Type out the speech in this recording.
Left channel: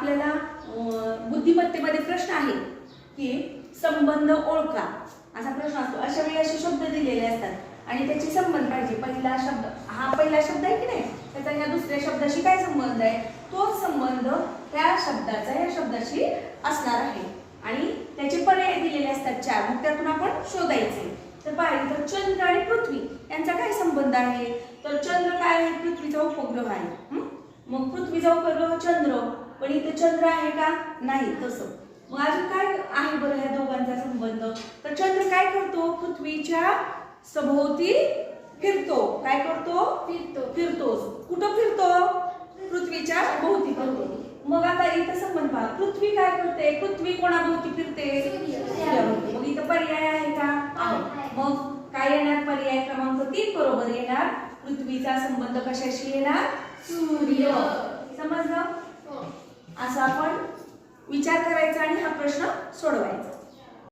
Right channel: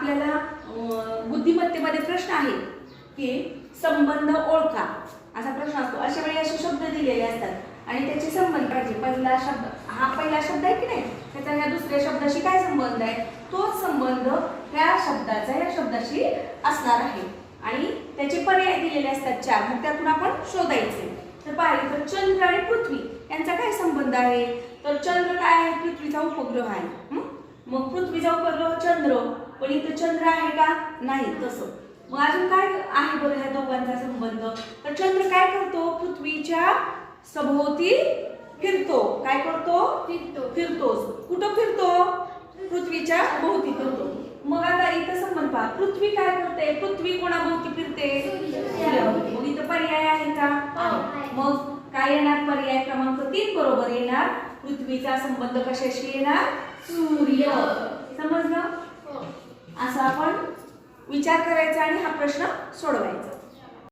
आपल्याला बुद्धिमत्तेमध्ये प्रश्न आहे की संबंध ओळखा असा प्रश्न असतो। अशा वेळी असे शब्द दिलेले असतात आणि त्याचे संबंध पाहिजे। पहिला शब्द हा पहिला शब्द आहे की नाही, त्याचा ह्या दुसऱ्या शब्दाशी काय संबंध आहे, तोच संबंध ह्या शब्दाचा ह्या शब्दाशी असणार आहे आणि त्याचे पर्याय दिलेले असतात 4, मग त्यातून आपण शोधायचे। तर पाहिजे तर चंद्र आणि पृथ्वी यांचा काय संबंध आहे, तर चंद्र काय आहे, पृथ्वीचा उपग्रह आहे। मग पृथ्वीचा उपग्रह चंद्र, पण इथं चंद्र आहे का, नाही तसं। मग अजून काय आहे बरं ह्या दोघांचा संबंध, तर चंद्र काय करतो, पृथ्वीच्या सभोवती फिरतो। काय करतो, फिरतो। कुठं फिरतो, पृथ्वीच्या भोवती फिरतो। मग आता इथं संबंध पहा, पृथ्वी काय करते, पृथ्वी कोणाभोवती फिरते, सूर्याभोवती। मग इथं पर्याय आहे का, मग काय येणार, पर्याय क्रमांक 3 बरोबर येणार, पृथ्वीचा संबंध कशाशी येणार, सूर्य। समजलं? असं आपण विचार करायचा आणि हा प्रश्न सोडवायचा।